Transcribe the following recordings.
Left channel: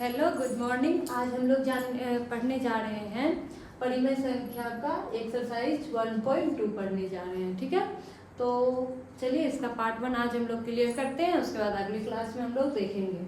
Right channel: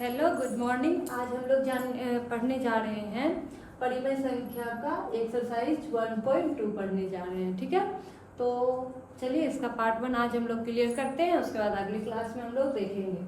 Hello, good morning. आज हम लोग पढ़ने जा रहे हैं परिमेय संख्या का एक्सरसाइज 1.2 पढ़ने जा रहे हैं। ठीक है, तो चलिए इसका पार्ट 1 आज हम लोग क्लियर करते हैं, उसके बाद अगली क्लास में हम लोग देखेंगे।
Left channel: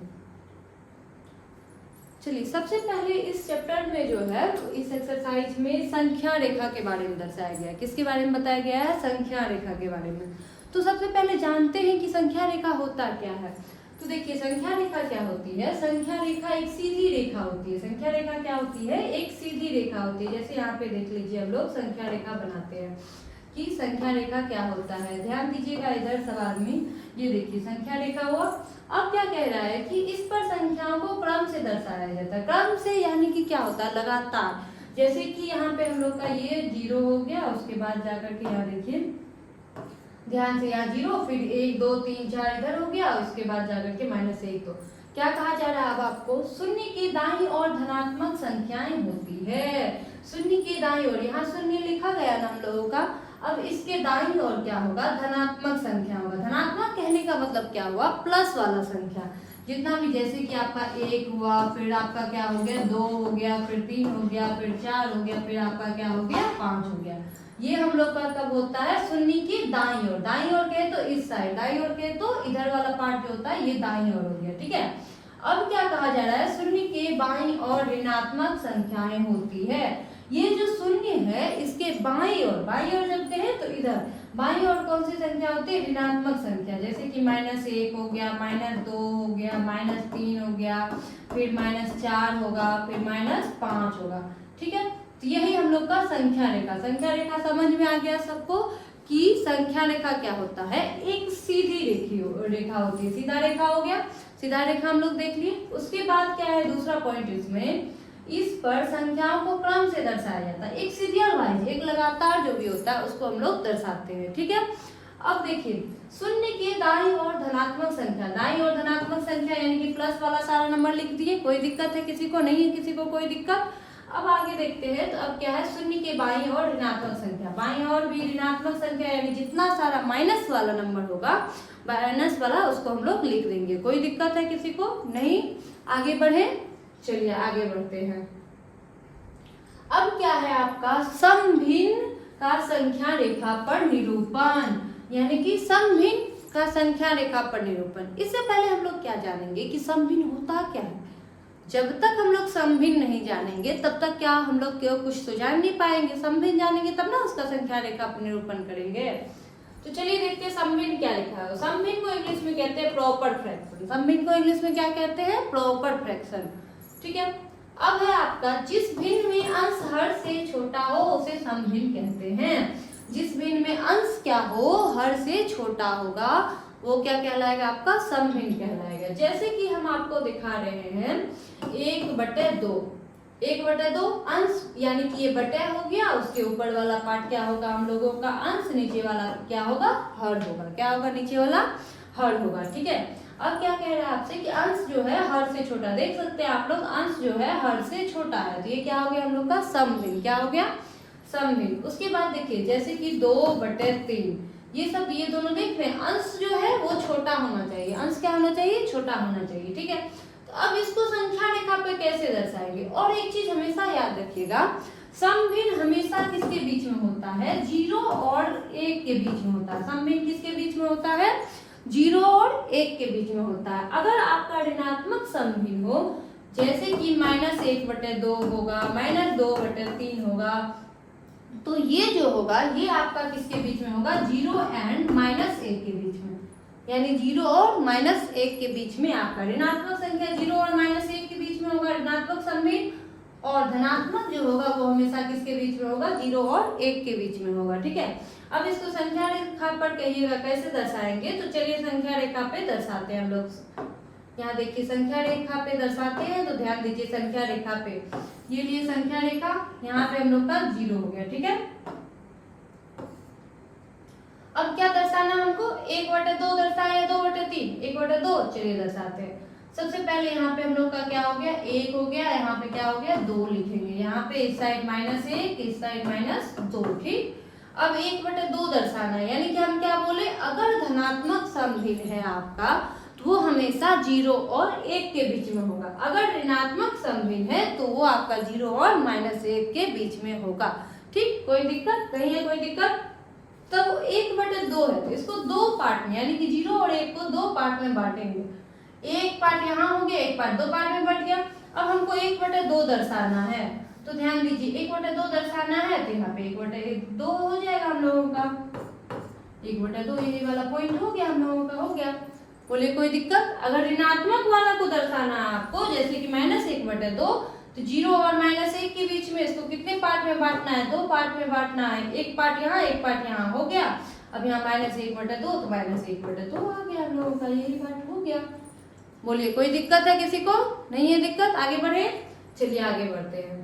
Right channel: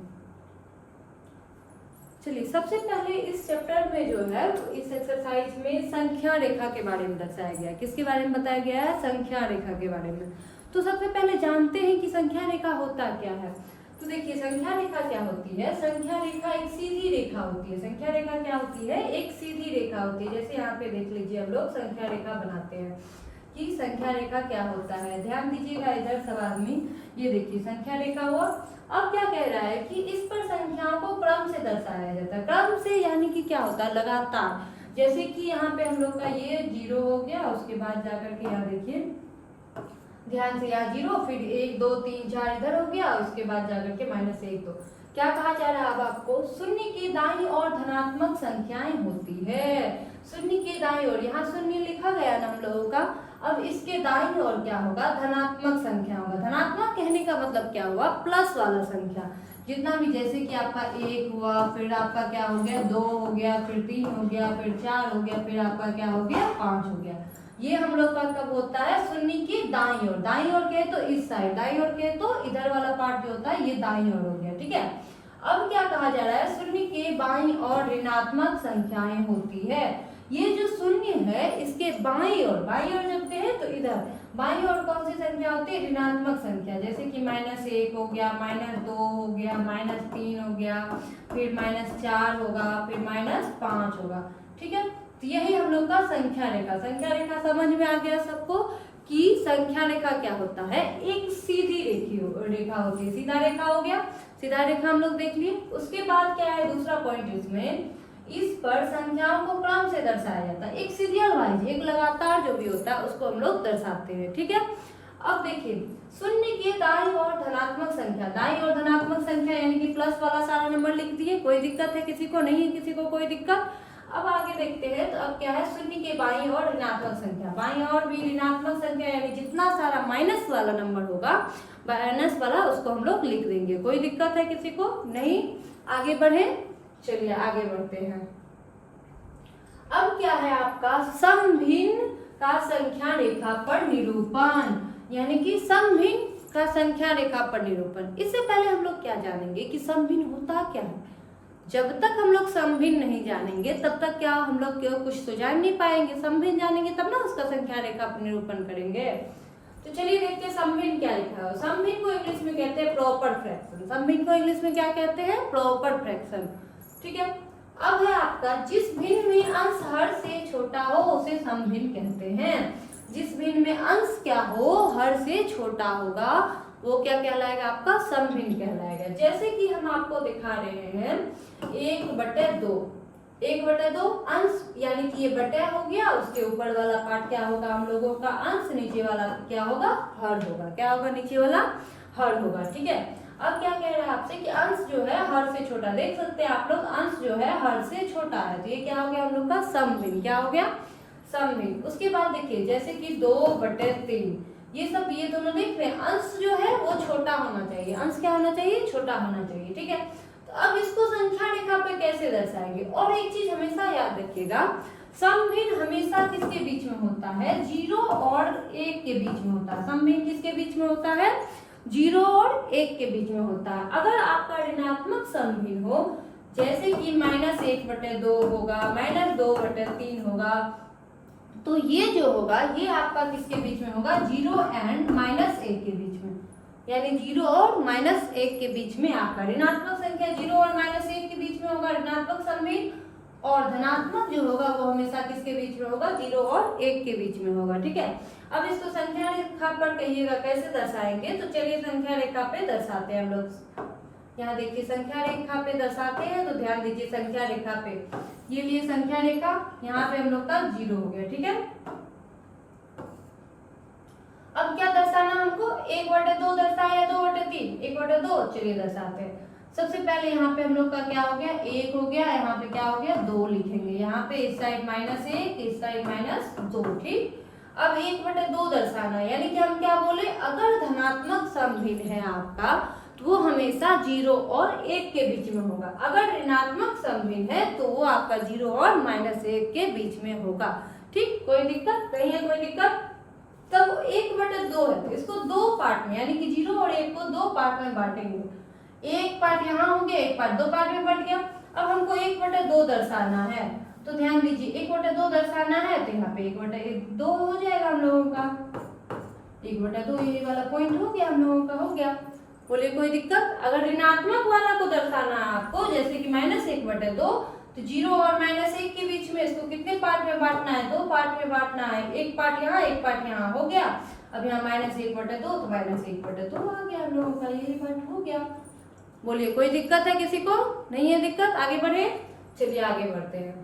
चलिए, सबसे पहले इस चैप्टर में जो है इस एक्सरसाइज में संख्या रेखा के बारे में दर्शाया गया है। किसके बारे में बताया गया है? संख्या रेखा के बारे में। तो सबसे पहले जानते हैं कि संख्या रेखा होता क्या है। तो देखिए, संख्या रेखा क्या होती है? संख्या रेखा एक सीधी रेखा होती है। संख्या रेखा क्या होती है? एक सीधी रेखा होती है। जैसे यहाँ पे देख लीजिए, हम लोग संख्या रेखा बनाते हैं कि संख्या रेखा क्या होता है। ध्यान दीजिएगा इधर सवाल में, ये देखिए संख्या रेखा हुआ। अब क्या कह रहा है कि इस पर संख्याओं को क्रम से दर्शाया जाता है। क्रम से यानी कि क्या होता है? लगातार। जैसे कि यहाँ पे हम लोग का ये 0 हो गया, उसके बाद जाकर के यहाँ देखिए ध्यान से, यहाँ 0, फिर 1 2 3 4 इधर हो गया, उसके बाद जाकर के -1 2। क्या कहा जा रहा है अब आपको? शून्य की दाईं ओर धनात्मक संख्याएं होती है। शून्य की दाईं ओर, यहाँ शून्य लिखा गया ना हम लोगों का, अब इसके दाईं ओर क्या होगा? धनात्मक संख्या होगा। धनात्मक कहने का मतलब क्या हुआ? प्लस वाला संख्या जितना भी, जैसे कि आपका 1 हुआ, फिर आपका क्या हो गया 2 हो गया, फिर 3 हो गया, फिर 4 हो गया, फिर आपका क्या हो गया 5 हो गया। ये हम लोग का कब होता है? शून्य की दाईं ओर। दाईं ओर कहे तो इस साइड, दाईं ओर कहे तो इधर वाला पार्ट जो होता है ये दाईं ओर हो गया। ठीक है, अब क्या कहा जा रहा है? शून्य के बाईं ओर ऋणात्मक संख्याएं होती है। ये जो शून्य है इसके बाईं ओर, बाईं ओर जब कहे तो इधर बाईं ओर कौन सी संख्या होती है? ऋणात्मक संख्या। जैसे कि -1 हो गया, -2 हो गया, -3 हो गया, फिर -4 होगा, फिर -5 होगा। ठीक है, तो यही हम लोग का संख्या रेखा। संख्या रेखा समझ में आ गया सबको कि संख्या रेखा क्या होता है? एक सीधी रेखा होती है। सीधा रेखा हो गया, सीधा रेखा हम लोग देख लिए। उसके बाद क्या है दूसरा पॉइंट इसमें? इस पर संख्याओं को क्रम से दर्शाया जाता है। एक सीरियल वाइज, एक लगातार जो भी होता है उसको हम लोग दर्शाते हैं। ठीक है, अब देखिए शून्य के दाईं ओर धनात्मक संख्या। दाईं ओर धनात्मक संख्या यानी कि प्लस वाला सारा नंबर लिख दिए। कोई दिक्कत है किसी को? नहीं है किसी को कोई दिक्कत? अब आगे देखते हैं। तो अब क्या है? शून्य के बाईं ओर ऋणात्मक संख्या। बाईं ओर भी ऋणात्मक संख्या यानी जितना सारा माइनस वाला नंबर होगा, माइनस वाला उसको हम लोग लिख देंगे। कोई दिक्कत है किसी को? नहीं। आगे बढ़े, चलिए आगे बढ़ते हैं। अब क्या है आपका? समभिन्न का संख्या रेखा पर निरूपण, यानी कि समभिन्न का संख्या रेखा पर निरूपण। इससे पहले हम लोग क्या जानेंगे कि समभिन्न होता क्या है। जब तक हम लोग समभिन्न नहीं जानेंगे तब तक क्या हम लोग कुछ तो जान नहीं पाएंगे। समभिन्न जानेंगे तब ना उसका संख्या रेखा पर निरूपण करेंगे। तो चलिए देखते हैं समभिन्न क्या लिखा है। समभिन्न को इंग्लिश में कहते हैं प्रॉपर फ्रैक्शन। समभिन्न को इंग्लिश में क्या कहते हैं? Proper fraction. ठीक है, अब है आपका जिस भिन्न में अंश हर से छोटा हो उसे समभिन्न कहते हैं। जिस भिन्न में अंश क्या हो? हर से छोटा होगा, वो क्या कहलाएगा? आपका समभिन्न कहलाएगा। जैसे कि हम आपको दिखा रहे हैं 1/2। 1/2 अंश यानी कि ये बटा हो गया, उसके ऊपर वाला पार्ट क्या होगा हम लोगों का? अंश। नीचे वाला क्या होगा? हर होगा। क्या होगा? नीचे वाला हर होगा। ठीक है, अब क्या कह रहा है आपसे कि अंश जो है हर से छोटा। देख सकते हैं आप लोग, अंश जो है हर से छोटा है, तो ये क्या हो गया हम लोग का? समभिन्न। क्या हो गया? समभिन्न। उसके बाद देखिए जैसे कि 2/3, ये सब ये दोनों देख रहे हैं, अंश जो है वो छोटा होना चाहिए। अंश क्या होना चाहिए? छोटा होना चाहिए। ठीक है, तो अब इसको संख्या रेखा पे कैसे दर्शाएंगे? और एक चीज हमेशा याद रखिएगा, समभिन्न हमेशा किसके बीच में होता है? 0 और 1 के बीच में होता है। समभिन्न किसके बीच में होता है? 0 और 1 के बीच में होता है। अगर आपका ऋणात्मक समभिन्न हो, जैसे कि -1/2 होगा, -2/3 होगा, तो ये जो होगा ये आपका किसके बीच में होगा? 0 एंड -1 के बीच में, यानी 0 और -1 के बीच में आपका ऋणात्मक संख्या 0 और -1 के बीच में होगा ऋणात्मक समभिन्न, और धनात्मक जो होगा वो हमेशा किसके बीच में होगा? 0 और 1 के बीच में होगा। ठीक है, अब इसको संख्या रेखा पर कहिएगा कैसे दर्शाएंगे। तो चलिए संख्या रेखा पे दर्शाते हैं हम लोग। यहाँ देखिए संख्या रेखा पे दर्शाते हैं, तो ध्यान दीजिए संख्या रेखा पे ये लिए संख्या रेखा, यहाँ पे हम लोग का 0 हो गया। ठीक है, अब क्या दर्शाना हमको? 1/2 दर्शाया, 2/3? 1/2, चलिए दर्शाते हैं। सबसे पहले यहाँ पे हम लोग का क्या हो गया? 1 हो गया, यहाँ पे क्या हो गया? 2 लिखेंगे। यहाँ पे इस साइड -1, इस साइड -2। ठीक, अब 1/2 दर्शाना, यानी कि हम क्या बोले? अगर धनात्मक समभिन्न है आपका तो वो हमेशा 0 और 1 के बीच में होगा। अगर ऋणात्मक समभिन्न है तो वो आपका 0 और -1 के बीच में होगा। ठीक, कोई दिक्कत नहीं है, कोई दिक्कत। तब 1/2 है तो इसको दो पार्ट में यानी कि 0 और 1 को दो पार्ट में बांटेंगे। एक पार्ट यहाँ हो गया, एक पार्ट दो पार्ट में बट गया। अब हमको 1/2 दर्शाना है तो ध्यान दीजिए 1/2 दर्शाना है तो यहाँ पे 1/2 हो जाएगा हम लोगों का। 1/2 ये वाला पॉइंट हो गया हम लोगों का, हो गया। बोले कोई दिक्कत। अगर ऋणात्मक वाला को दर्शाना है आपको, जैसे कि -1/2, तो 0 और -1 के बीच में इसको कितने पार्ट में बांटना है? दो पार्ट में बांटना है। एक पार्ट यहाँ, एक पार्ट यहाँ, हो गया। अब यहाँ -1/2 तो -1/2 आ गया हम लोगों का, यही पार्ट हो गया। बोलिए कोई दिक्कत है किसी को? नहीं है दिक्कत, आगे बढ़े। चलिए आगे बढ़ते हैं।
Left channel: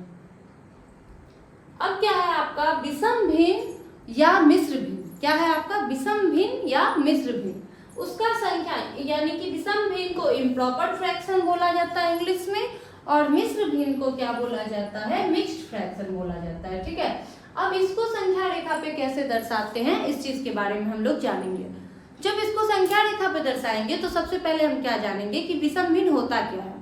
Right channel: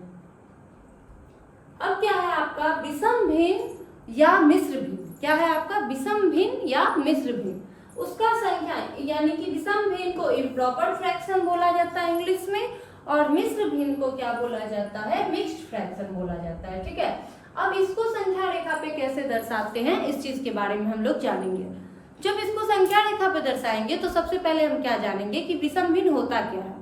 अब क्या है आपका विषम भिन्न या मिश्र भिन्न? क्या है आपका विषम भिन्न या मिश्र भिन्न? उसका संख्या यानी कि विषम भिन्न को इम्प्रॉपर फ्रैक्शन बोला जाता है इंग्लिश में, और मिश्र भिन्न को क्या बोला जाता है? मिक्स्ड फ्रैक्शन बोला जाता है। ठीक है, अब इसको संख्या रेखा पे कैसे दर्शाते हैं इस चीज के बारे में हम लोग जानेंगे। जब इसको संख्या रेखा पे दर्शाएंगे तो सबसे पहले हम क्या जानेंगे कि विषम भिन्न होता क्या है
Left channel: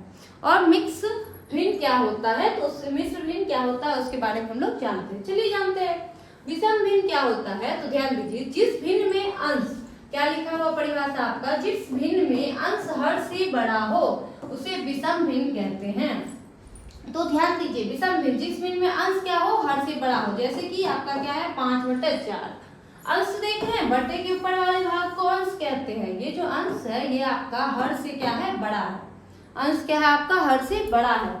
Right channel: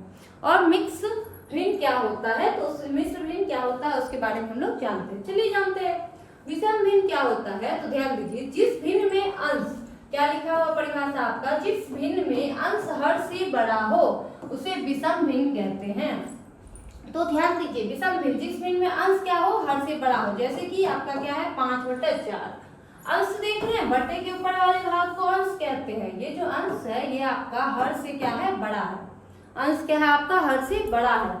और मिक्स भिन्न क्या होता है, तो उस मिश्र भिन्न क्या होता है उसके बारे में हम लोग जानते हैं। चलिए जानते हैं विषम भिन्न क्या होता है। तो ध्यान दीजिए, जिस भिन्न में अंश, क्या लिखा हुआ परिभाषा आपका, जिस भिन्न में अंश हर से बड़ा हो उसे विषम भिन्न कहते हैं। तो ध्यान दीजिए विषम भिन्न, जिस भिन्न में अंश क्या हो? हर से बड़ा हो। जैसे कि आपका क्या है 5/4, अंश देख रहे हैं, बटे के ऊपर वाले भाग को अंश कहते हैं। ये जो अंश है ये आपका हर से क्या है? बड़ा है। अंश क्या है आपका? हर से बड़ा है।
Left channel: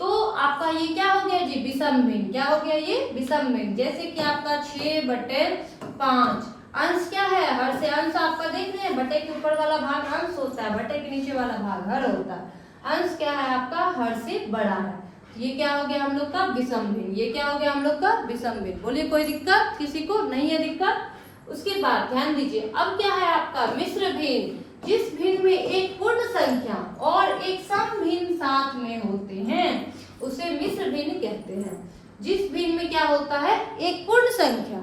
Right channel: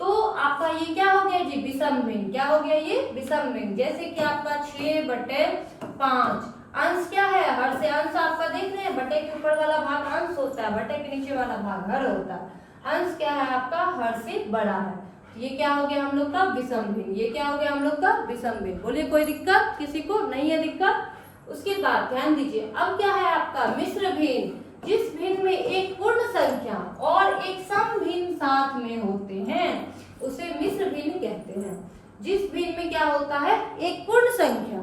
तो आपका ये क्या हो गया जी? विषम भिन्न। क्या हो गया ये? विषम भिन्न। जैसे कि आपका 6/5, अंश क्या है? हर से। अंश आपका देख रहे हैं, बटे के ऊपर वाला भाग अंश होता है, बटे के नीचे वाला भाग हर होता है। अंश क्या है आपका? हर से बड़ा है। ये क्या हो गया हम लोग का? विषम भिन्न। ये क्या हो गया हम लोग का? विषम भिन्न। बोलिए कोई दिक्कत किसी को? नहीं है दिक्कत। उसके बाद ध्यान दीजिए, अब क्या है आपका मिश्र भिन्न, जिस भिन्न में एक पूर्ण संख्या और एक सम भिन्न साथ में होते हैं उसे मिश्र भिन्न कहते हैं। जिस भिन्न में क्या होता है? एक पूर्ण संख्या,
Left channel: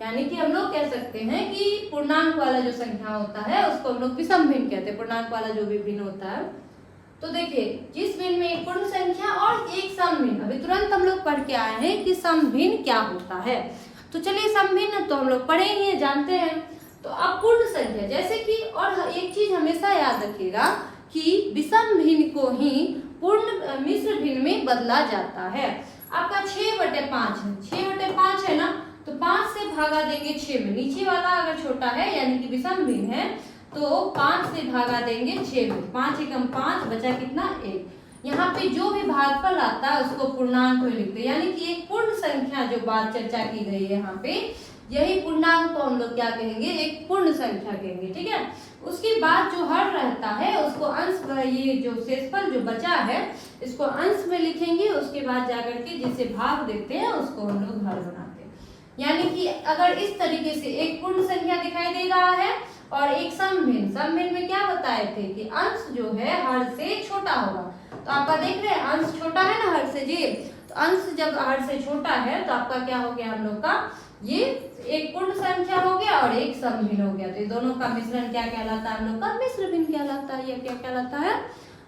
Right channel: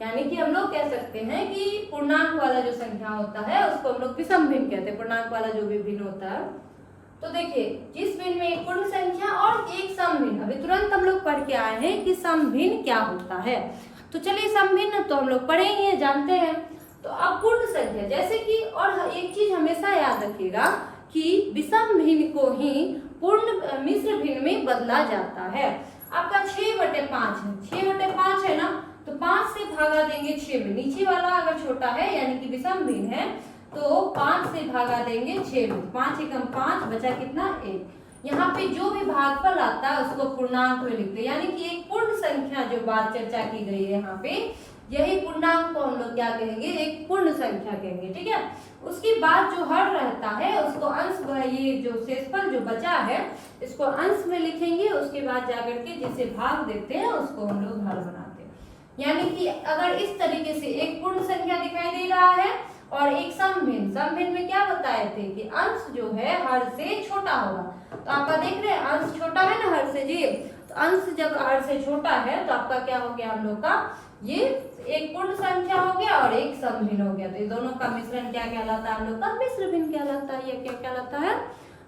यानी कि हम लोग कह सकते हैं कि पूर्णांक वाला जो संख्या होता है उसको हम लोग विषम भिन्न कहते हैं। पूर्णांक वाला जो भी भिन्न होता है, तो देखिए जिस भिन्न में एक पूर्ण संख्या और एक सम भिन्न, अभी तुरंत हम लोग पढ़ के आए हैं कि सम भिन्न क्या होता है। तो चलिए सम भिन्न तो हम लोग पढ़े ही हैं, जानते हैं। तो अब पूर्ण संख्या, जैसे कि और एक चीज हमेशा याद रखिएगा कि विषम भिन्न को ही पूर्ण मिश्र भिन्न में बदला जाता है। आपका 6/5 है, 6/5 है ना, तो 5 से भागा देंगे 6 में। नीचे वाला अगर छोटा है यानी कि विषम भिन्न है तो 5 से भागा देंगे 6 में। 5 एकम 5 बचा कितना? 1। यहाँ पे जो भी भागफल आता है उसको पूर्णांक में लिखते हैं, यानी कि एक पूर्ण संख्या जो बात चर्चा की गई है यहाँ पे, यही पूर्णांक को हम लोग क्या कहेंगे? एक पूर्ण संख्या कहेंगे। ठीक है, उसके बाद जो हर रहता है उसको अंश, ये जो शेषफल जो बचा है इसको अंश में लिखेंगे। उसके बाद जाकर के जिसे भाग देते हैं उसको हम लोग हर बनाते हैं। यानी कि अगर इस तरीके से एक पूर्ण संख्या दिखाई दे रहा है और एक सम भिन्न, सम भिन्न में क्या बताए थे कि अंश जो है हर से छोटा होगा। तो आपका देख रहे हैं अंश छोटा है ना हर से जी, तो अंश जब हर से छोटा है तो आपका क्या हो गया हम लोग का? ये एक पूर्ण संख्या हो गया और एक सम भिन्न हो गया। तो ये दोनों का मिश्रण क्या कहलाता है हम लोग का? मिश्र भिन्न कहलाता है। ये क्या कहलाता है?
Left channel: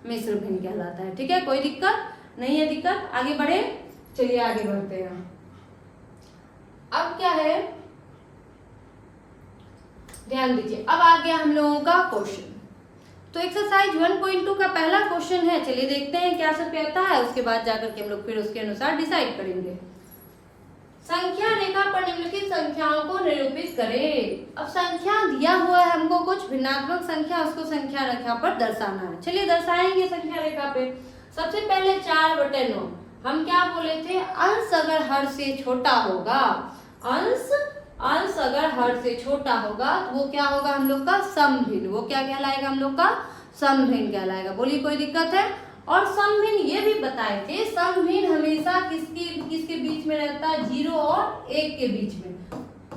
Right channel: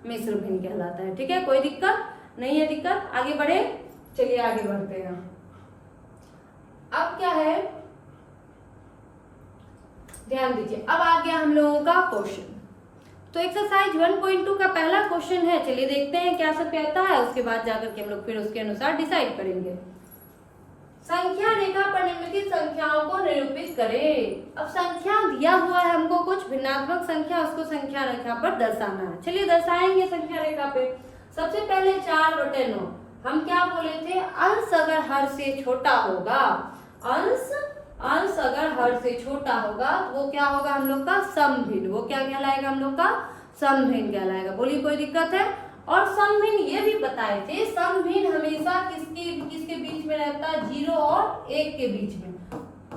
मिश्र भिन्न कहलाता है। ठीक है, कोई दिक्कत नहीं है? दिक्कत, आगे बढ़े। चलिए आगे बढ़ते हैं। अब क्या है, ध्यान दीजिए, अब आ गया हम लोगों का क्वेश्चन। तो एक्सरसाइज 1.2 का पहला क्वेश्चन है। चलिए देखते हैं क्या सब कहता है, उसके बाद जाकर के हम लोग फिर उसके अनुसार डिसाइड करेंगे। संख्या रेखा पर निम्नलिखित संख्याओं को निरूपित करें। अब संख्या दिया हुआ है हमको कुछ भिन्नात्मक संख्या, उसको संख्या रेखा पर दर्शाना है। चलिए दर्शाएंगे संख्या रेखा पे। सबसे पहले 4/9, हम क्या बोले थे? अंश अगर हर से छोटा होगा, अंश अगर हर से छोटा होगा तो वो क्या होगा हम लोग का? सम भिन्न। वो क्या कहलाएगा हम लोग का? सम भिन्न कहलाएगा। बोलिए कोई दिक्कत है? और सम भिन्न ये भी बताए थे, सम भिन्न हमेशा किसके बीच में रहता है? 0 और 1 के बीच में।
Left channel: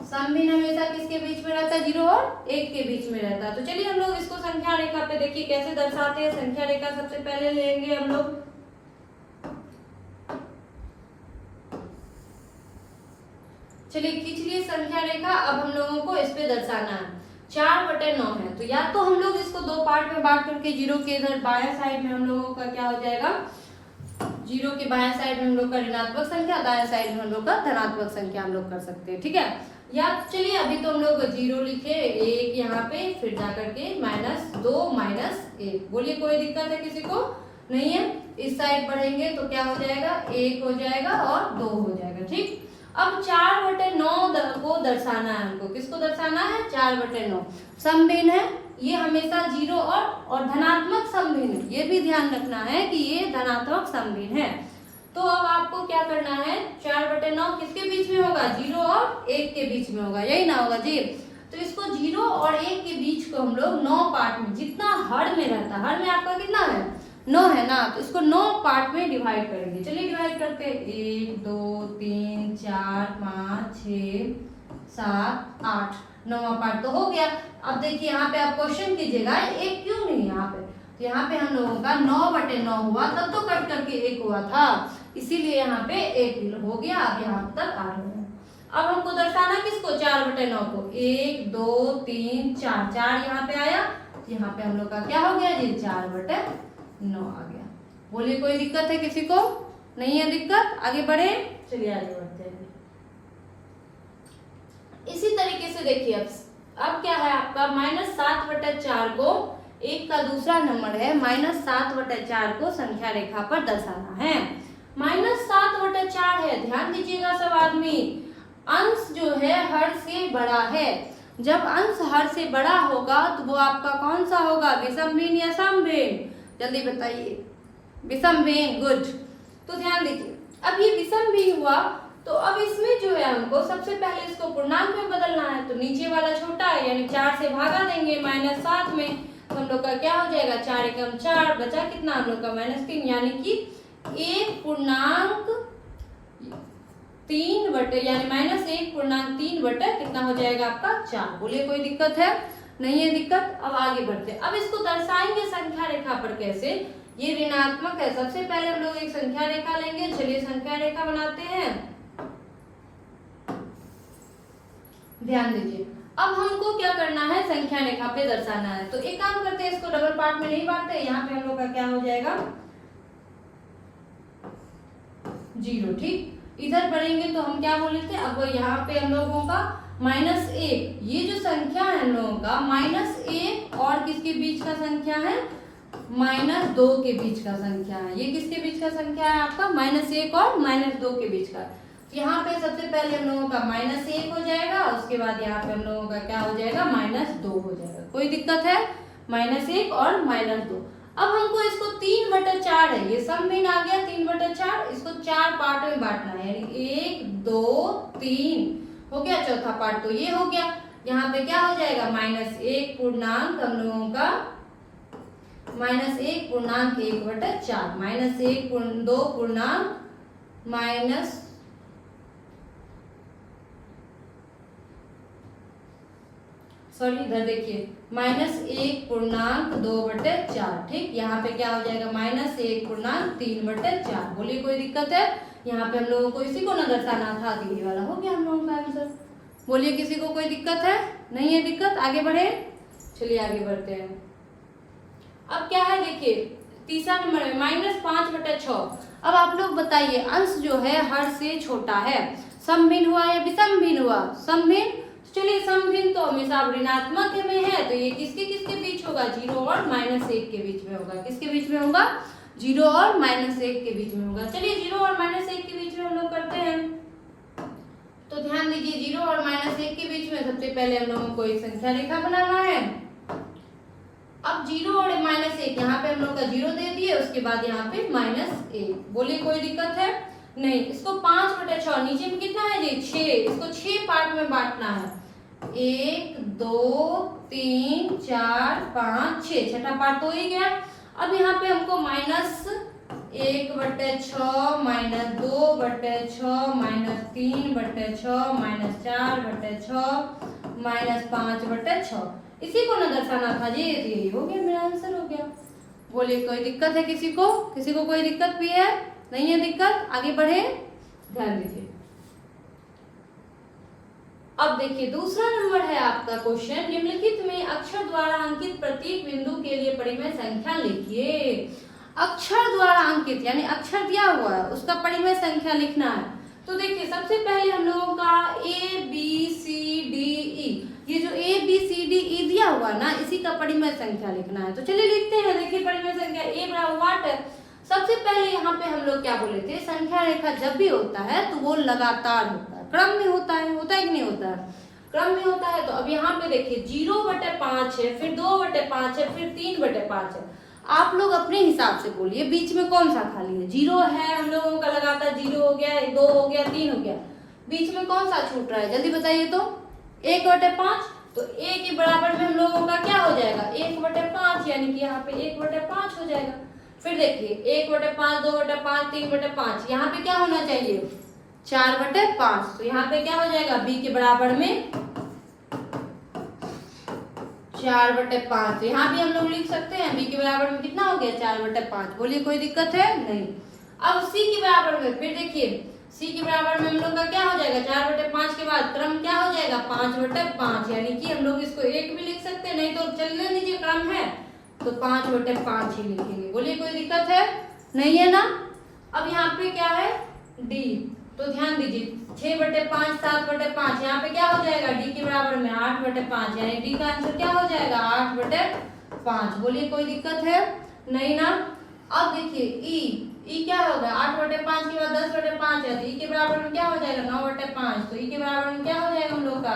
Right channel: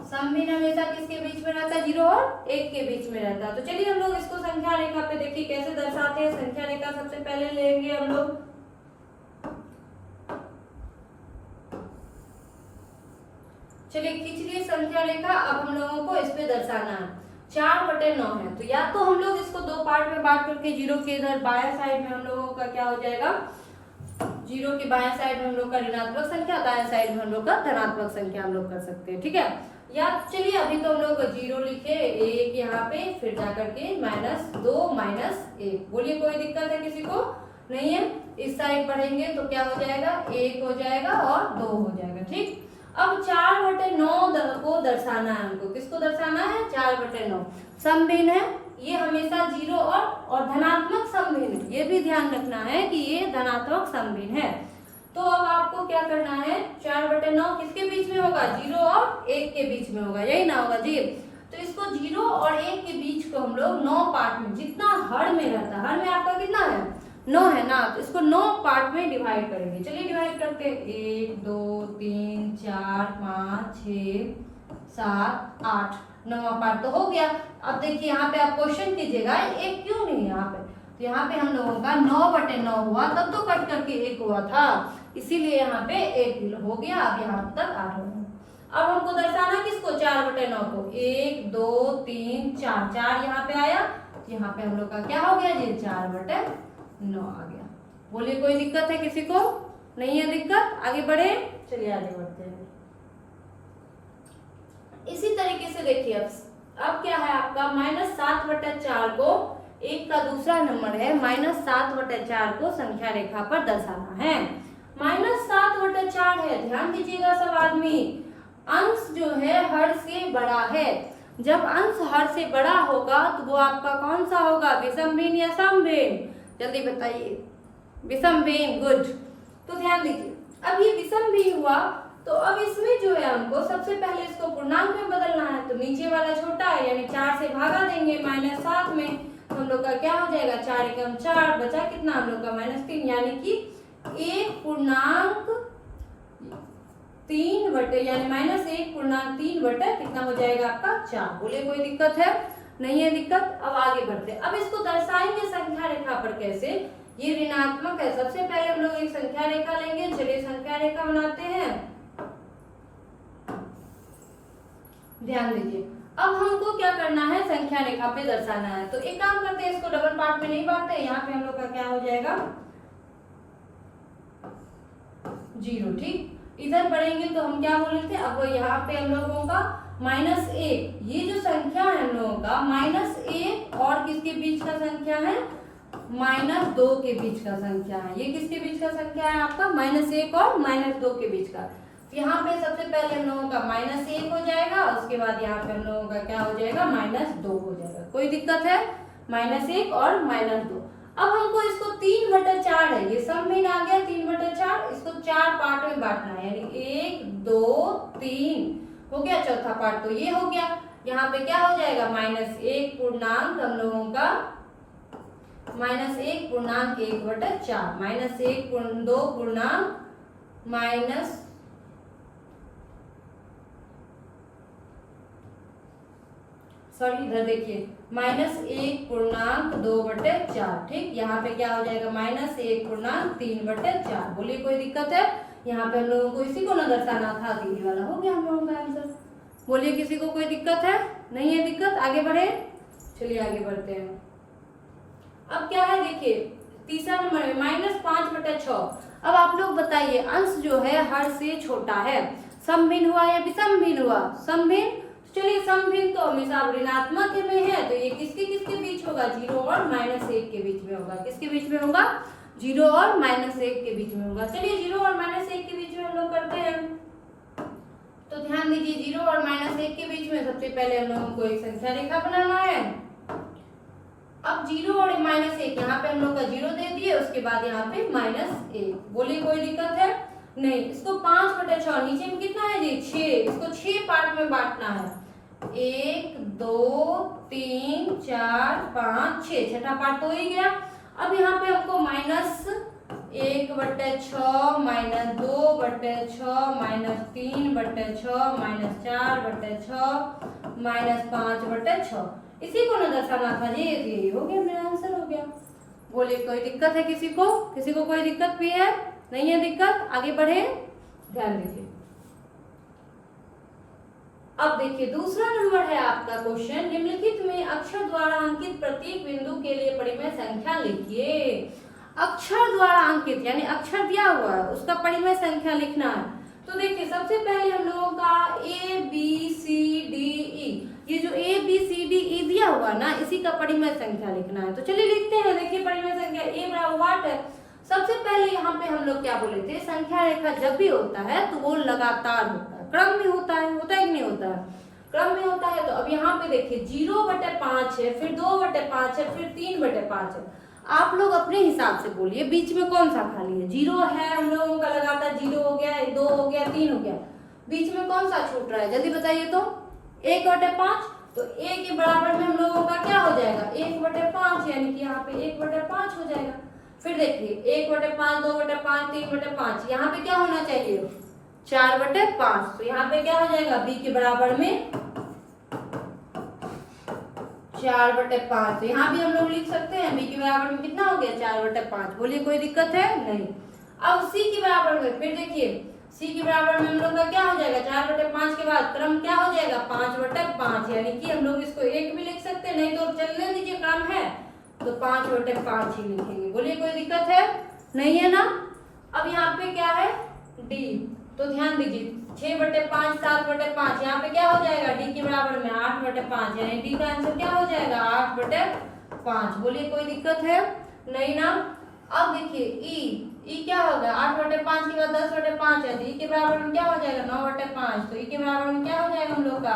सम भिन्न हमेशा किसके बीच में रहता है? 0 और 1 के बीच में रहता है। तो चलिए हम लोग इसको संख्या रेखा पे देखिए कैसे दर्शाते हैं। संख्या रेखा सबसे पहले लेंगे हम लोग, चलिए खींच लिए संख्या रेखा। अब हम लोगों को इस पे दर्शाना है। 4/9 है। तो या तो हम लोग इसको दो पार्ट में बांट करके जीरो के इधर बाया साइड में हम लोगों का क्या हो जाएगा, जीरो के बाया साइड में हम लोग का ऋणात्मक संख्या, दाया साइड में हम लोग का धनात्मक संख्या हम लोग कर सकते हैं, ठीक है। या चलिए अभी तो हम लोग जीरो लिखे, एक यहाँ पे, फिर जाकर के -2 -1। बोलिए कोई दिक्कत है किसी को? नहीं है। इस साइड बढ़ेंगे तो क्या हो जाएगा, 1 हो जाएगा और 2 हो जाएगा, ठीक। अब 4/9 को दर्शाना है हमको। किसको दर्शाना है? 4/9 समभिन्न है, ये हमेशा जीरो और धनात्मक समभिन्न है। ये भी ध्यान रखना है कि ये धनात्मक समभिन्न है। तो अब आपको क्या करना है, 4/9 किसके बीच में होगा? 0 और 1 के बीच में होगा, यही ना होगा जी। तो इसको 0 और 1 के बीच को हम लोग 9 पार्ट में, जितना हर में रहता है, हर में आपका कितना है? 9 है ना, तो इसको 9 पार्ट में डिवाइड करेंगे। चलिए डिवाइड करते हैं। 1 2 3 4 5 6 7 8, 9वां पार्ट तो हो गया। अब देखिए यहाँ पे आप क्वेश्चन कीजिएगा, एक क्यों नहीं यहाँ पे? तो यहाँ पे हम लोगों का 9/9 हुआ, तब तो कट करके 1 हुआ था, इसीलिए यहाँ पे 1 हो गया। अब यहाँ तक 8 हो गया। अब हमको दर्शाना किसको? 4/9 को। 1 2 3 4, 4 यहाँ पे आया, यहाँ पे हम लोग का क्या हो गया जी? 4/9 आ गया। बोलिए कोई दिक्कत है किसी को? नहीं है दिक्कत? आगे बढ़े, चलिए आगे बढ़ते हैं। इसी तरीके से देखिए अब क्या है आपका, -7/4 को, एक का दूसरा नंबर है, -7/4 को संख्या रेखा पर दर्शाना है। -7/4 है, ध्यान दीजिएगा सब आदमी, अंश जो है हर से बड़ा है। जब अंश हर से बड़ा होगा तो वो आपका कौन सा होगा? विषम भिन्न या समभिन्न? जल्दी बताइए। विषम भिन्न, गुड। तो ध्यान दीजिए, अब ये विषम भिन्न हुआ, तो अब इसमें जो है हमको सबसे पहले इसको पूर्णांक में बदलना है। तो नीचे वाला छोटा है, यानी 4 से भागा देंगे -7 में, तो हम लोग का क्या हो जाएगा? 4 एकम 4, बचा कितना हम लोग का? -3, यानी कि 1.3 यानी -1.3 कितना हो जाएगा आपका? 4। बोलिए कोई दिक्कत है? नहीं है दिक्कत। अब आगे बढ़ते हैं। अब इसको दर्शाएंगे संख्या रेखा पर कैसे? ये ऋणात्मक है, सबसे पहले हम लोग एक संख्या रेखा लेंगे। चलिए संख्या रेखा बनाते हैं। ध्यान दीजिए, अब हमको क्या करना है? संख्या रेखा पे दर्शाना है। तो एक काम करते हैं, इसको डबल पार्ट में नहीं बांटते, यहाँ पे हम लोग का क्या हो जाएगा? 0, ठीक। इधर बढ़ेंगे तो हम क्या बोले थे? अब यहाँ पे हम लोगों का -1, ये जो संख्या है हम लोगों का -1 और किसके बीच का संख्या है? -2 के बीच का संख्या है। ये किसके बीच का संख्या है आपका? -1 और -2 के बीच का। यहाँ पे सबसे पहले हम लोगों का -1 हो जाएगा, उसके बाद यहाँ पे हम लोगों का क्या हो जाएगा? -2 हो जाएगा। कोई दिक्कत है? -1 और -2। अब हमको इसको 3/4 है, ये समभिन्न आ गया 3/4, इसको 4 पार्ट में बांटना है, यानी 1 2 3 हो गया। चौथा पार्ट तो ये हो गया। यहाँ पे क्या हो जाएगा? -1 पूर्णांक हम लोगों का -1 पूर्णांक 1/4, -1 2 पूर्णांक इधर देखिए -1 पूर्णांक 2/4, ठीक। यहाँ पे क्या हो जाएगा? -1 पूर्णांक 3/4। बोलिए कोई दिक्कत है? यहाँ पे हम लोगों को इसी को न दर्शाना था, तो ये वाला हो गया हम लोगों का आंसर। बोलिए किसी को कोई दिक्कत है? नहीं है दिक्कत? आगे बढ़े, चलिए आगे बढ़ते हैं। अब क्या है देखिए, तीसरा नंबर है -5/6। अब आप लोग बताइए, अंश जो है हर से छोटा है, समभिन्न हुआ या विषम भिन्न हुआ? समभिन्न। चलिए समभिन्न तो हमेशा ऋणात्मक में है, तो ये किसके किसके बीच होगा? 0 और -1 के बीच में होगा। किसके बीच में होगा? 0 और -1 के बीच में होगा। चलिए 0 और -1 के बीच में हम लोग करते हैं। तो ध्यान दीजिए, 0 और -1 के बीच में सबसे पहले हम लोगों को एक संख्या रेखा बनाना है। अब 0 और -1, यहाँ पे हम लोग का 0 दे दिए, उसके बाद यहाँ पे -1। बोलिए कोई दिक्कत है? नहीं। इसको 5/6, नीचे में कितना है जी? 6, इसको 6 पार्ट में बांटना है। 1 2 3 4 5 6, छठा पार्ट तो हो ही गया। अब यहाँ पे हमको -1/6 -2/6 -3/6 -4/6 -5/6, इसी को न दर्शाना था जी। यही हो गया, मेरा आंसर हो गया। बोलिए कोई दिक्कत है किसी को? किसी को कोई दिक्कत भी है? नहीं है दिक्कत? आगे बढ़े, ध्यान दीजिए। अब देखिए दूसरा नंबर है आपका क्वेश्चन, निम्नलिखित में अक्षर द्वारा अंकित प्रत्येक बिंदु के लिए परिमेय संख्या लिखिए। अक्षर द्वारा अंकित यानी अक्षर दिया हुआ है उसका परिमेय संख्या लिखना है। तो देखिए सबसे पहले हम लोगों का A B C D E, ये जो A B C D E दिया हुआ ना इसी का परिमेय संख्या लिखना है। तो चलिए लिखते हैं। देखिए परिमेय संख्या ए बराबर वाट है। सबसे पहले यहाँ पे हम लोग क्या बोले थे, संख्या रेखा जब भी होता है तो वो लगातार होता है, क्रम में होता है कि नहीं होता है, क्रम में होता है। तो अब यहाँ पे देखिए 0/5 है, फिर 2/5 है, फिर 3/5 है। आप लोग अपने हिसाब से बोलिए बीच में कौन सा खाली है। 0 है हम लोगों का लगातार, 0 हो गया, 2 हो गया, 3 हो गया, बीच में कौन सा छूट रहा है जल्दी बताइए। तो 1/5, तो a के बराबर में हम लोगों का क्या हो जाएगा 1/5, यानी कि यहाँ पे 1/5 हो जाएगा। फिर देखिए 1/5, 2/5, 3/5, यहाँ पे क्या होना चाहिए 4/5। तो यहाँ पे क्या हो जाएगा b के बराबर में 4/5। तो यहाँ भी हम लोग लिख सकते हैं b के बराबर में कितना हो गया 4/5। बोलिए कोई दिक्कत है नहीं। अब c के बराबर में फिर देखिए c के बराबर में हम लोग का क्या हो जाएगा 4/5 के बाद क्रम क्या हो जाएगा 5/5, यानी कि हम लोग इसको 1 भी लिख सकते हैं, नहीं तो चलने दीजिए क्रम है तो 5/5 ही लिखेंगे। बोलिए कोई दिक्कत है नहीं है ना। अब यहाँ पे क्या है d, तो ध्यान दीजिए 6/5, 7/5, यहाँ पे क्या हो जाएगा d के बराबर में 8/5, यानी d का आंसर क्या हो जाएगा 8/5। बोलिए कोई दिक्कत है नहीं ना। अब देखिए ई क्या होगा 8/5 के बाद 10/5 है, तो ई के बराबर में क्या हो जाएगा 9/5। तो ई के बराबर में क्या हो जाएगा हम लोग का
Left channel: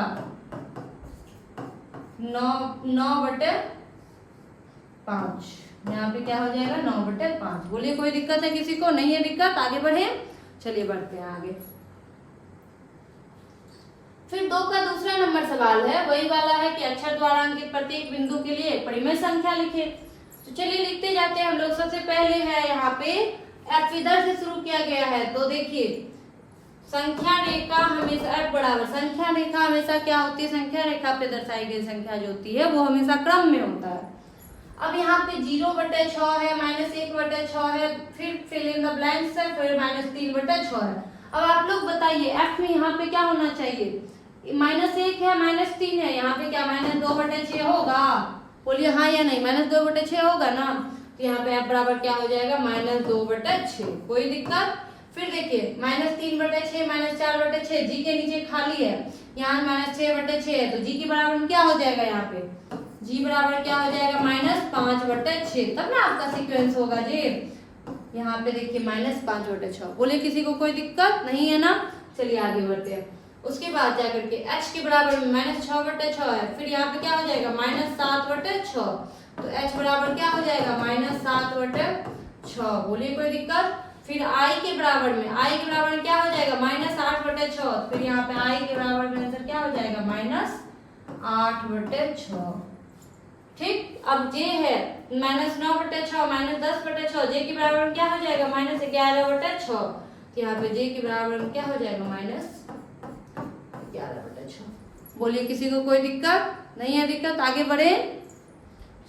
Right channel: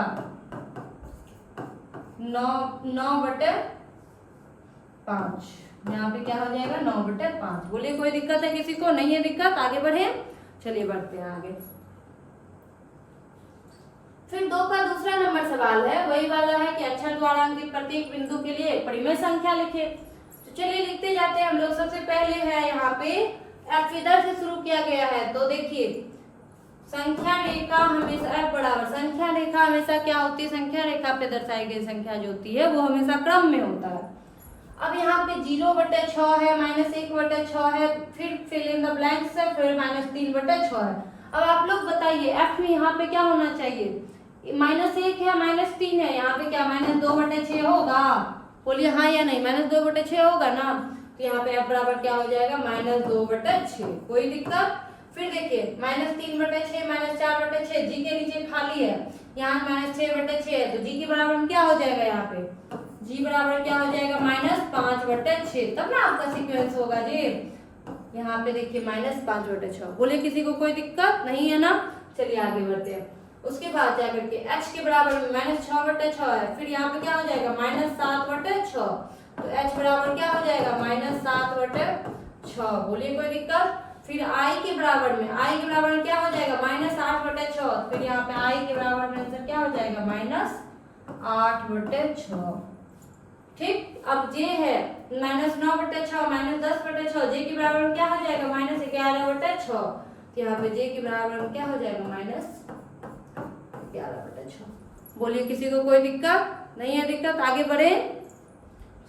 9/5, यहाँ पे क्या हो जाएगा 9/5। बोलिए कोई दिक्कत है किसी को नहीं है दिक्कत, आगे बढ़े। चलिए बढ़ते हैं आगे। फिर 2 का दूसरा नंबर सवाल है, वही वाला है कि अक्षर द्वारा अंकित प्रत्येक बिंदु के लिए परिमेय संख्या लिखे। तो चलिए लिखते जाते हैं हम लोग। सबसे पहले है यहाँ पे f इधर से शुरू किया गया है। तो देखिए संख्या रेखा हमेशा f बराबर, संख्या रेखा हमेशा क्या होती है, संख्या रेखा पे दर्शाई गई संख्या जो होती है वो हमेशा क्रम में होता है। अब यहाँ पे 0/6 है, -1/6 है, फिर फिल इन द ब्लैंक्स है, फिर -3/6 है। अब आप लोग बताइए f में यहाँ पे क्या होना चाहिए, -1 है, -3 है, यहाँ पे क्या -2/6 होगा। बोलिए हाँ या नहीं, -2/6 होगा ना। तो यहाँ पे f बराबर क्या हो जाएगा -2/6। कोई दिक्कत। फिर देखिए -3/6, -4/6, जी के नीचे खाली है, यहाँ -6/6 है, तो जी के बराबर में क्या हो जाएगा यहाँ पे जी बराबर क्या हो जाएगा -5/6। तब ना आपका सीक्वेंस होगा जी। यहाँ पे देखिए -5/6। बोले किसी को कोई दिक्कत नहीं है ना। चलिए आगे बढ़ते हैं। उसके बाद जाकर के h के बराबर में -6/6 है, फिर यहाँ पे क्या हो जाएगा -7/6, तो h बराबर क्या हो जाएगा -7/6। बोलिए कोई दिक्कत। फिर i के बराबर में क्या हो जाएगा -8/6, फिर यहाँ पे i के बराबर में आंसर क्या हो जाएगा -8/6। ठीक। अब j है -9/6, -10/6, j के बराबर में क्या हो जाएगा -11/6, तो यहाँ पे j के बराबर में क्या हो जाएगा -11/6। बोलिए किसी को कोई दिक्कत नहीं है दिक्कत, आगे बढ़े।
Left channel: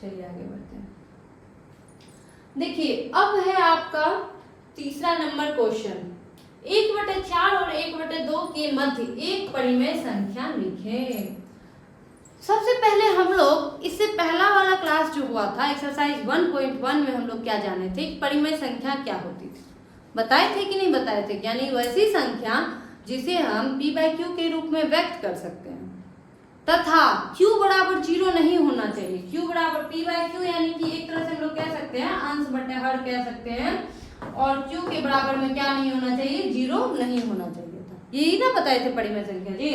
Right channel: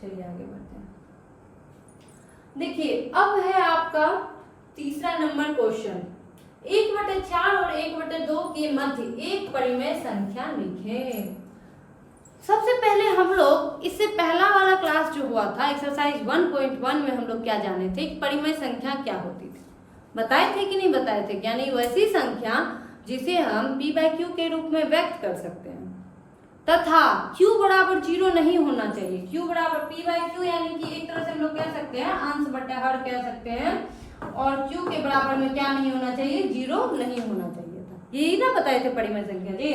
चलिए आगे बढ़ते हैं। देखिए अब है आपका तीसरा नंबर क्वेश्चन, 1/4 और 1/2 के मध्य एक परिमेय संख्या लिखें। सबसे पहले हम लोग इससे पहला वाला क्लास जो हुआ था एक्सरसाइज 1.1 में हम लोग क्या जाने थे, परिमेय संख्या क्या होती थी, बताए थे कि नहीं बताए थे। यानी वैसी संख्या जिसे हम p/q के रूप में व्यक्त कर सकते हैं, तथा q बराबर 0 नहीं होना चाहिए। q बराबर p/q यानी कि एक तरह से हम लोग कह सकते हैं अंश बटे हर कह सकते हैं, और q के बराबर में क्या नहीं होना चाहिए 0 नहीं होना चाहिए था। यही ना बताए थे परिमेय संख्या जी।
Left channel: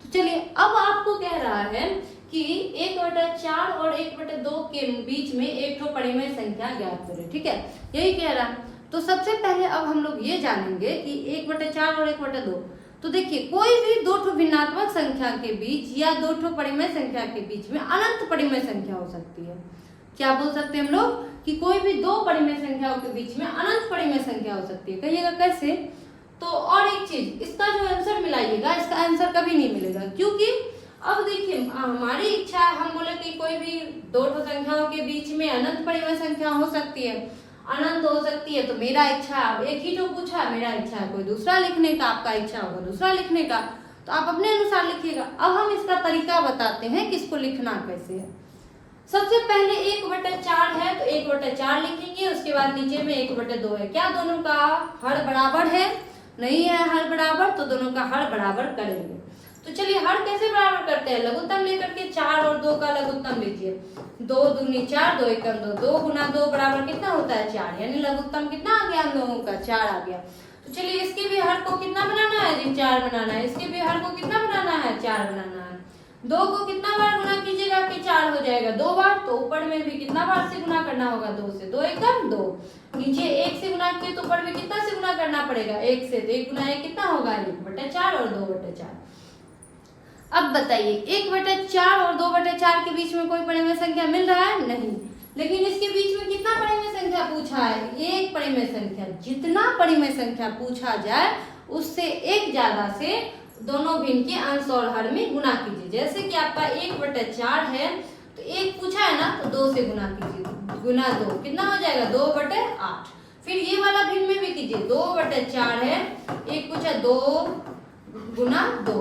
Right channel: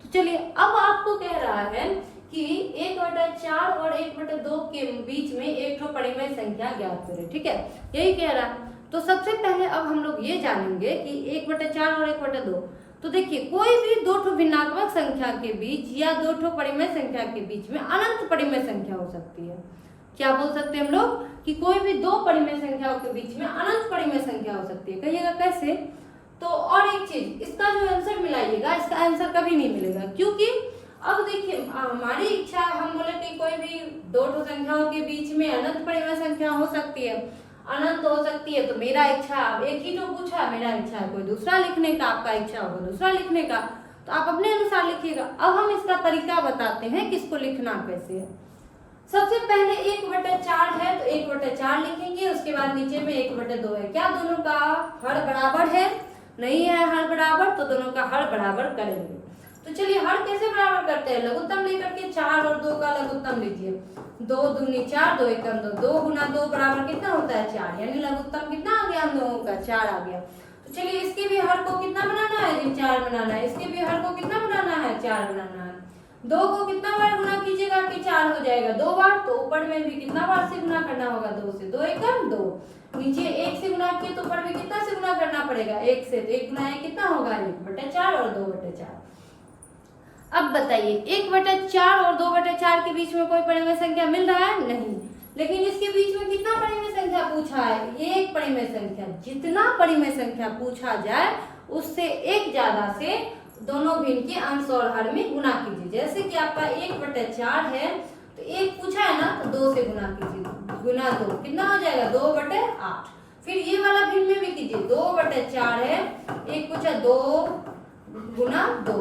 तो चलिए अब आपको कह रहा है कि 1/4 और 1/2 के बीच में एक ठो परिमेय संख्या ज्ञात करें। ठीक है, यही कह रहा है। तो सबसे पहले अब हम लोग ये जानेंगे कि 1/4 और 1/2। तो देखिए कोई भी दो ठो भिन्नात्मक संख्या के बीच या दो ठो परिमेय संख्या के बीच में अनंत परिमेय संख्या हो सकती है। क्या बोल सकते हैं हम लोग कि कोई भी दो परिमेय संख्याओं के बीच में अनंत परिमेय संख्या हो सकती है। कहिएगा कैसे। तो और एक चीज, इसका जो आंसर मिलाइएगा, इसका आंसर कभी नहीं मिलेगा, क्योंकि अब देखिए हमारी इच्छा है, हम बोले कि कोई भी दो ठो संख्याओं के बीच में अनंत परिमेय संख्या हो सकती है, अनंत हो सकती है। तो मेरा इच्छा, अब एक ही जो पूछा, मेरा इच्छा है कोई दूसरा लिखने का, आपका इच्छा होगा दूसरा लिखने का। तो आप अपने अनुसार लिखिएगा। अब हम इसका तरीका बताते हैं कि इसको लिखना कैसे है। सबसे पहले 1/4 है तो 1/4 लिखेंगे, उसके बाद नीचे में 1/2 है। क्या दोनों का हर बराबर है? नहीं है हर बराबर, तो दोनों का हर बराबर करेंगे। तो चलिए हर कैसे बराबर करते हैं, लघुत्तम लेकर के 4 और 2 का लघुत्तम लीजिए। 2 दूनी 4, 2 एकम 2, 2 गुना 2 बराबर कितना होता है 4, यानी लघुत्तम कितना आ गया हम लोगों का 4 आ गया। तो चलिए इसके भी हर को कितना बनाना है जी 4 बनाना है, इसके भी हर को कितना बनाना है 4 बनाना है। 2 को कितना बार गुना कीजिएगा कि 4 हो जाएगा 2 बार, तो ऊपर में भी कितना बार से गुना करना होगा 2 से, 2 एकम 2। नीचे 1 से गुना किए तो ऊपर में कितना से गुना करना पड़ेगा 1 से, तो 1 गुना 1 कितना होगा 1/4 और 2/4। अब बताइए 1/4 और 2/4 के बीच में कोई परिमेय संख्या मिल रहा है? नहीं। लेकिन इसके बीच में कितना परिमेय संख्या पूछा है? एक परिमेय संख्या। जितना परिमेय संख्या पूछा जाए उससे एक ज्यादा से दोनों भिन्न के अंश और हर में गुना कीजिए। जैसे कि आपका 1/4 है तो 1 पूछा है ना, तो 2 से गुना कीजिए, गुना 2 कितना हो जाएगा 2/8। फिर ये वाला भिन्न में भी कीजिए, 2/4 है, 1 पूछा 2 गुना 2,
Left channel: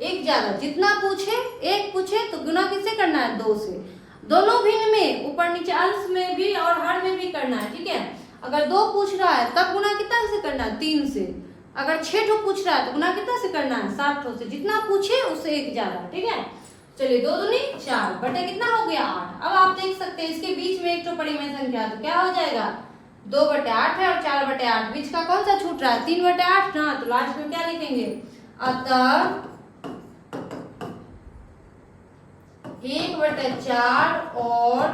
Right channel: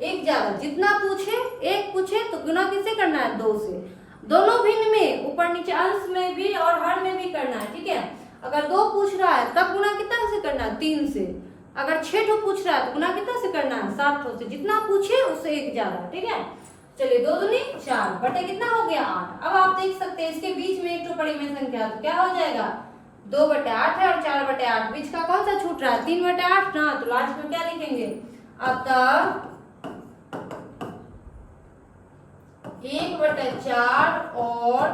एक ज्यादा। जितना पूछे 1 पूछे तो गुना किससे करना है 2 से। दोनों भिन्न में ऊपर नीचे अंश में भी और हर में भी करना है, ठीक है। अगर 2 पूछ रहा है तब गुना कितना से करना है 3 से। अगर 6 ठो पूछ रहा है तो गुना कितना से करना है 7 ठो से। जितना पूछे उससे एक ज्यादा, ठीक है। चलिए 2 दूनी 4 बटे कितना हो गया 8। अब आप देख सकते हैं इसके बीच में एक तो परिमेय संख्या, तो क्या हो जाएगा 2/8 है और 4/8, बीच का कौन सा छूट रहा है 3/8 ना, तो लास्ट में क्या लिखेंगे, अतः 1/4 और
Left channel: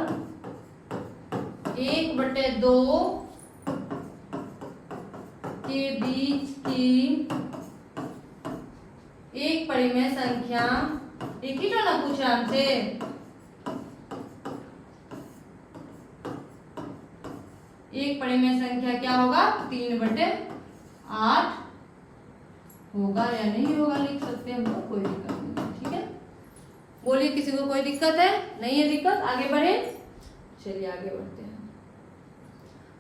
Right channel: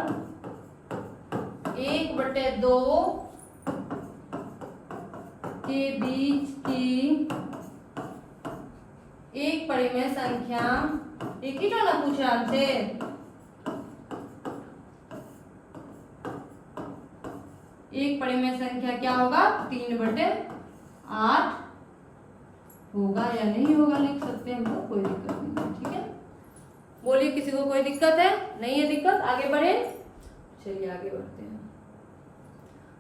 1/2 के बीच की एक परिमेय संख्या, एक ही ना पूछा हमसे, एक परिमेय संख्या क्या होगा 3/8 होगा या नहीं होगा, लिख सकते हैं हम लोग, कोई दिक्कत नहीं, ठीक है। बोलिए किसी को कोई दिक्कत है? नहीं है दिक्कत, आगे बढ़े। चलिए आगे बढ़ते हैं।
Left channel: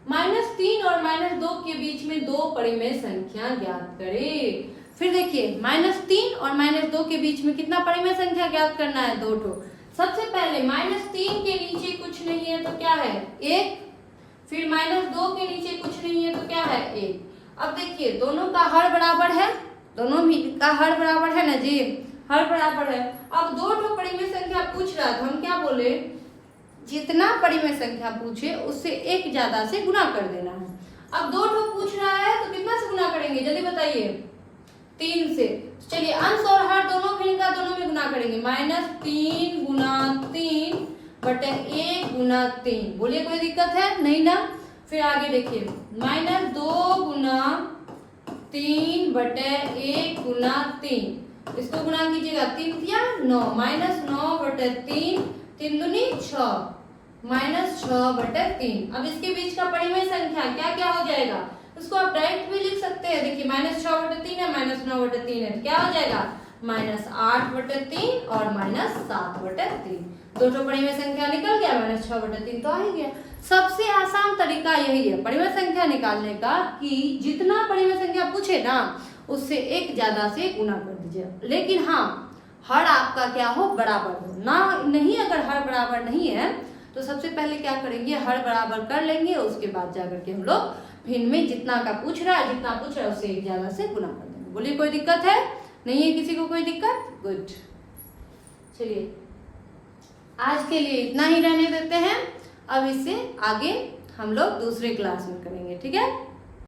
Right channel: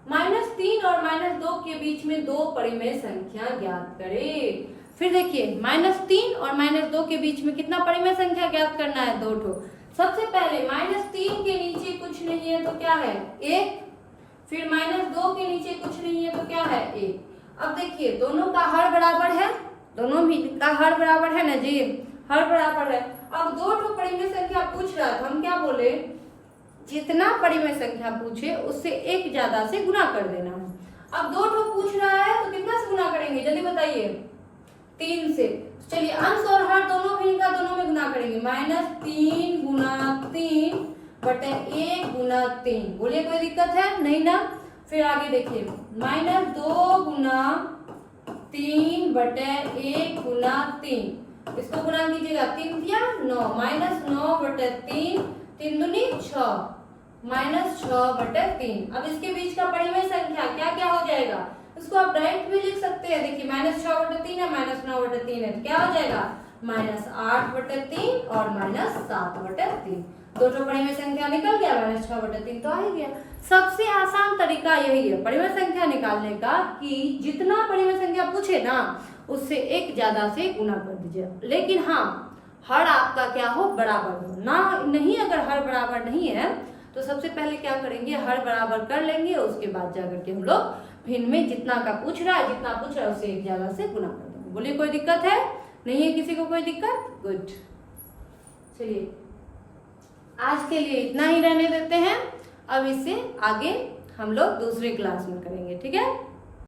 -3 और -2 के बीच में दो परिमेय संख्या ज्ञात करें। फिर देखिए -3 और -2 के बीच में कितना परिमेय संख्या ज्ञात करना है 2 ठो। सबसे पहले -3 के नीचे कुछ नहीं है तो क्या है 1, फिर -2 के नीचे कुछ नहीं है तो क्या है 1। अब देखिए दोनों का हर बराबर है, दोनों भी का हर बराबर है ना जी, हर बराबर है। अब 2 ठो परिमेय संख्या पूछ रहा है तो हम क्या बोले, जितना परिमेय संख्या पूछे उससे एक ज्यादा से गुना कर देना है। अब 2 ठो पूछ रहा है तो कितना से गुना करेंगे जल्दी बताइए, 3 से। चलिए अंश और हर दोनों भिन्न का दोनों में गुना करेंगे, -3 गुना 3 बटे 1 गुना 3। बोलिए कोई दिक्कत है? नहीं ना। फिर आगे देखिए -2 गुना 3 बटे 1 गुना 3, इसको गुना कीजिएगा 3 या 9, -9 बटे 3, 3 दूनी 6, -6 बटे 3। अब इसके बीच का परिमेय संख्या क्या क्या हो जाएगा, इसको आप डायरेक्ट भी लिख सकते हैं। देखिए -6 बटे 3 है, -9 बटे 3 है, क्या हो जाएगा -8 बटे 3 और -7 बटे 3। 2 ठो परिमेय संख्या निकल गया, -6 बटे 3 तो आ ही गया। सबसे आसान तरीका यही है परिमेय संख्या निकालने का कि जितना परिमेय संख्या पूछे ना उससे एक ज्यादा से गुना कर दीजिए। लेकिन हाँ हर आपका क्या हो बराबर हो ना, नहीं अगर हर बराबर नहीं है तो सबसे पहले क्या करेंगे हर बराबर कर लेंगे, उसके बाद जाकर के हम लोग भिन्न में जितना का पूछ रहा है जितना पूछ रहा है उससे एक ज्यादा से गुना कर देंगे। बोलिए कोई दिक्कत है? नहीं है किसी को कोई दिक्कत? गुड। चलिए आज के लिए इतना ही रहने देते हैं, अब इससे आगे हम लोग दूसरे क्लास में करेंगे, ठीक है।